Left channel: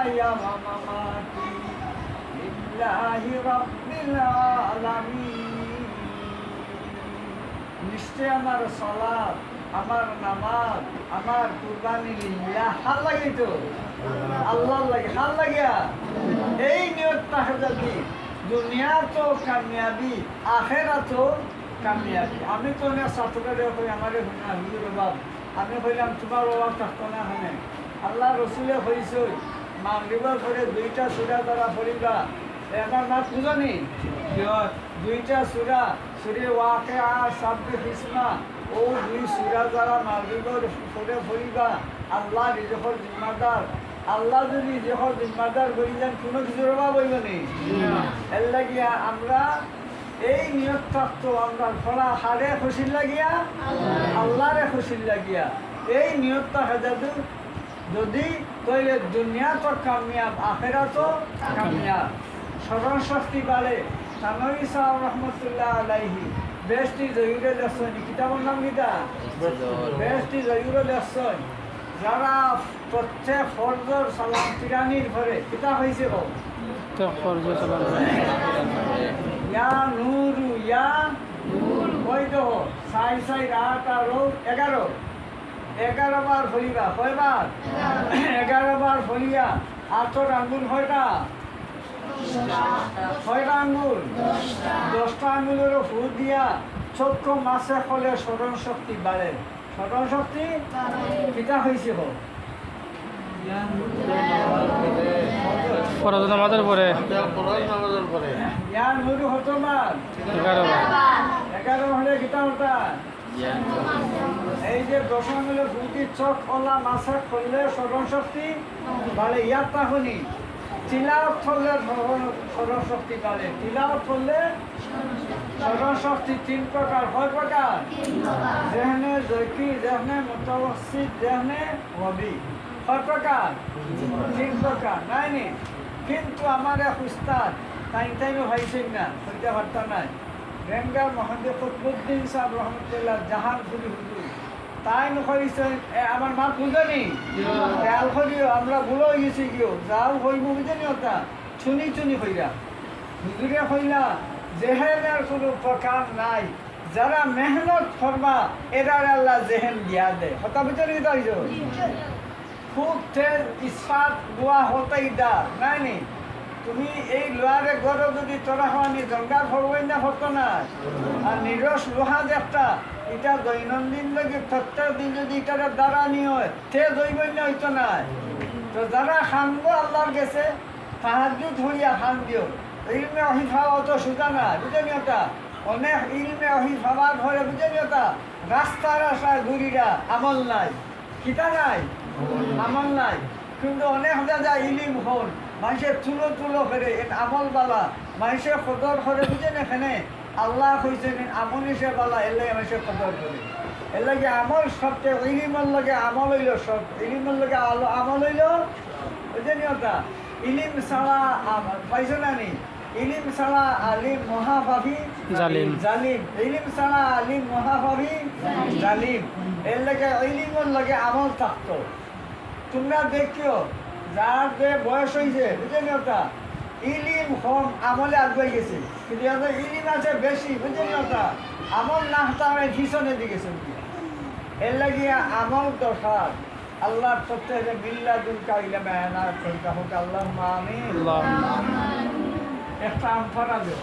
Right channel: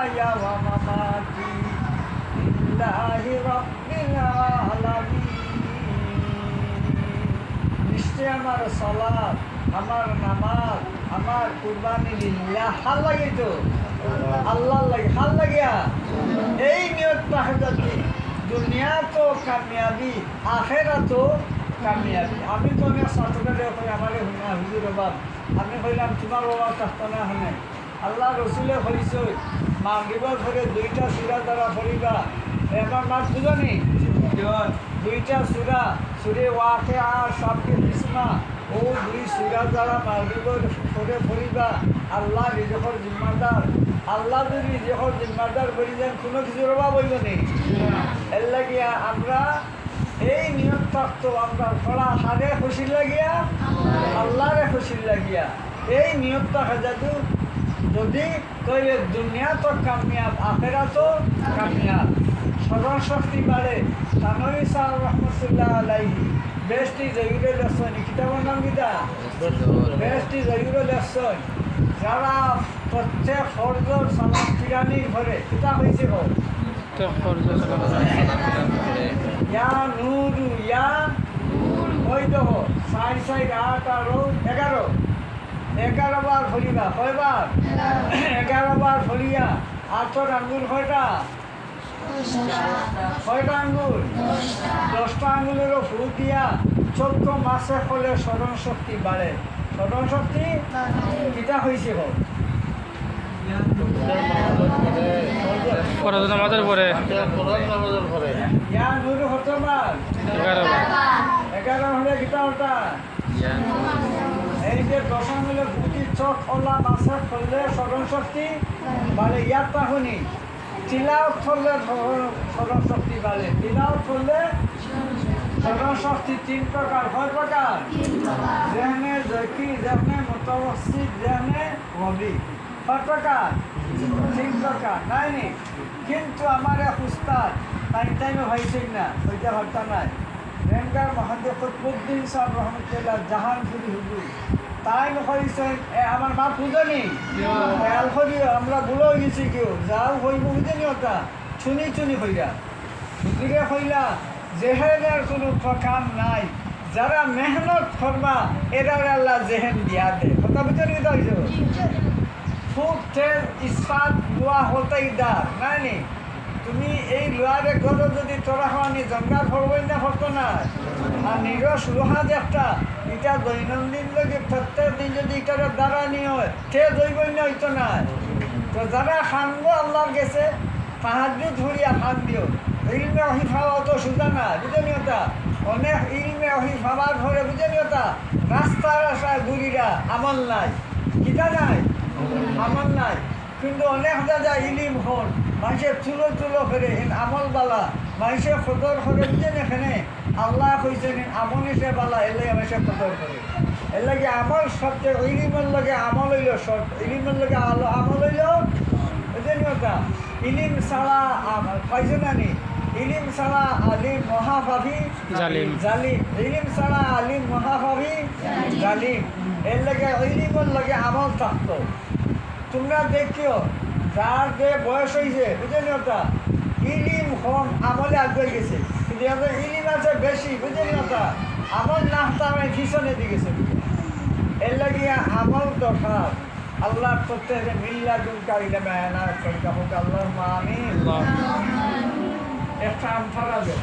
মাহইয়া ওয়া মামাতি লিল্লাহি রাব্বিল আলামিন। নিশ্চয় আমার সালাত, আমার নামাজ, আমার কুরবানি লিল্লাহ, হাল লাগে তো আল্লাহ লাগে, হাল লাগিয়া এই নিয়তটা যদি দুনিয়া তো কামিয়াবি, আখেরা তো কামিয়াবি। আমি তো অনেক ছাত্রদের আমার হুজুর অভাব, আমি কইলাম তোমার অভাব থাকতো না হনে। আল্লাহ রসুলে হয়েছে মাগরিবের ঘরে 2টা সূরা দ্বারা পড়িবা। এবার মাত বুঝনি দুইটা সূরা, সূরা ওয়াকিয়া, সাব্বিহ ইসমা, ও 2 সূরা দ্বারা মাগরিবের ঘরে পড়িবা। আল্লাহ রিজকের জিম্মাদার, আল্লাহ যদি রিজকের জিম্মাদার বলি যান কোনো কিছুর অভাব হইব নি। এর লাগিয়া আমরা এই নিয়ত থাকতো আমরা ফলা হারে খুশি লাগিয়া, আল্লাহরে খুশি লাগিয়া এই নিয়ত থাকা যাদু যদি কইলে দুনিয়া তো কামিয়াব, আখেরা তো কামিয়াব। স্মরণ শক্তি বাড়ে। তানভী সাহেব রহমতুল্লাহ আলাইহি বেশটি জয়ুরে লেখছেন, কিতাবের নাম কিতা? বেশটি জয়ুরে লেখছেন। যারা প্রত্যেক ফরজর সালাম ফিরানির ঘরে কিতা হয়েছে হোক ইয়া নূরু ইয়া ওই তো 6 6 8 আর 11 11 বার ফরিবা, কয়বার? 11 বার ফরিয়া। আতর আঙ্গুল কয়টা? 6টা আঙ্গুল, 10টা আঙ্গুলেরও ফু দিয়া চক্ষু মাসে ফলে স্মরণ শক্তি বাড়ে। স্মরণ শক্তি কিতা হয়েছে হোক ফরজ নামাজের পরে ইয়া নূরু হতবার 11 হলে কিতা হতা এই যে 10 আঙ্গুলের ফুটি চোখ খোলা মাসে খুললে স্মরণ শক্তি বাড়ে। ইয়ার তাহনি তিলাওয়াত করলে স্মরণ শক্তি বাড়ে। তিলাওয়াত করলে স্মরণ শক্তি 3 প্রকার। কয় প্রকার? যেহনে জয়কি, যেহনে মুতাওয়াসিত, যেহনে ওয়াবি। কয় প্রকার? 3 প্রকার নাই নি। কিন্তু আমার এক উস্তাদ টাইমে হয়েছেন না, ওইটা হত্যা নাই। রেঙ্গার মহাদেব কুতুবউদ্দিন সাহেব রহমতুল্লাহ জাহানপুরি হুজুর তাই নকইছেন আমার মা বুঝেনি খেয়াল করিও আমরা ভুল হয়ে গেছি কেউ যাও হইব বুঝেনি ওটা চুনি চুনি হইরা হুজুরে হইলা জেহেনের কোনো প্রকার নাই, যারা মেহনত করবা এরার আল্লাহ জেহেন দিয়া দে। কথা বুঝেনি কি তাইছো? খুব তেল ইস্পাত লোয়া হতেই দার নাই নি। তুমি এই লোহারে গরো যদি তোরা হওয়ানি জঙ্গার ফরবই না ফরতো না। আর নিরস লোহা দেখটা এটা দৈনন্দিন লাগে প্রত্যেক দিন যদি এটার দ্বারা নিয়ে হয় সে দইবই না হইতো না। তো যারা খানবো আল্লাহর গেছে সাহায্য ধরিয়া খান দিও। ইলমে অহি খাওয়া অত সোজা না, বুঝেনি ওটা? অনেক ইলমে অহি খাবার ধরে, বুঝেনি ওটা? রাস্তার রাস্তায় ঘুরিরা আমল নাই, কিতা নাই, আমল নাই। কিন্তু অনেক দাদা ইলিম হল মানুষের তুলো তুলো ফেরে আমল বালা মানুষের কদর করে, বুঝেন? এখানে আল্লাহ কইছেন আমল হিসে বালা এলে মানুষের কদর করে। এর লাগে আমল সবচেয়ে ইলিমের লগে আমল হইল সব, ইলিমের লগে আমল হইল, বুঝেনি ওটা? ইলিম ছাড়া পাইছো না নি? ইলিম ছাড়া আলিম মহাভাবী জালিম, জালিম। ইলিম ছাড়া আলিম মহাভাবী জালিম। এর লাগে ইলিমের লগে আমল থাকতো। তোমরা দেখিও যার যে বয়স হয়েছে, বুঝেনি ওটা? ইলিম কম আমলে আগুয়ে গেছে, কিন্তু ইলিম আছে বেশি, বুঝেনি ওটা? আমল না হতে পিছনে দিকে চলে। এর লাগিয়া আমল দরকার। আল্লাহ প্রত্যেক মিল্লা দুলকা ইলামে আয়নার করিকা হোক। আল্লাহুম্মা আমিন। একটা আমফারা দেও।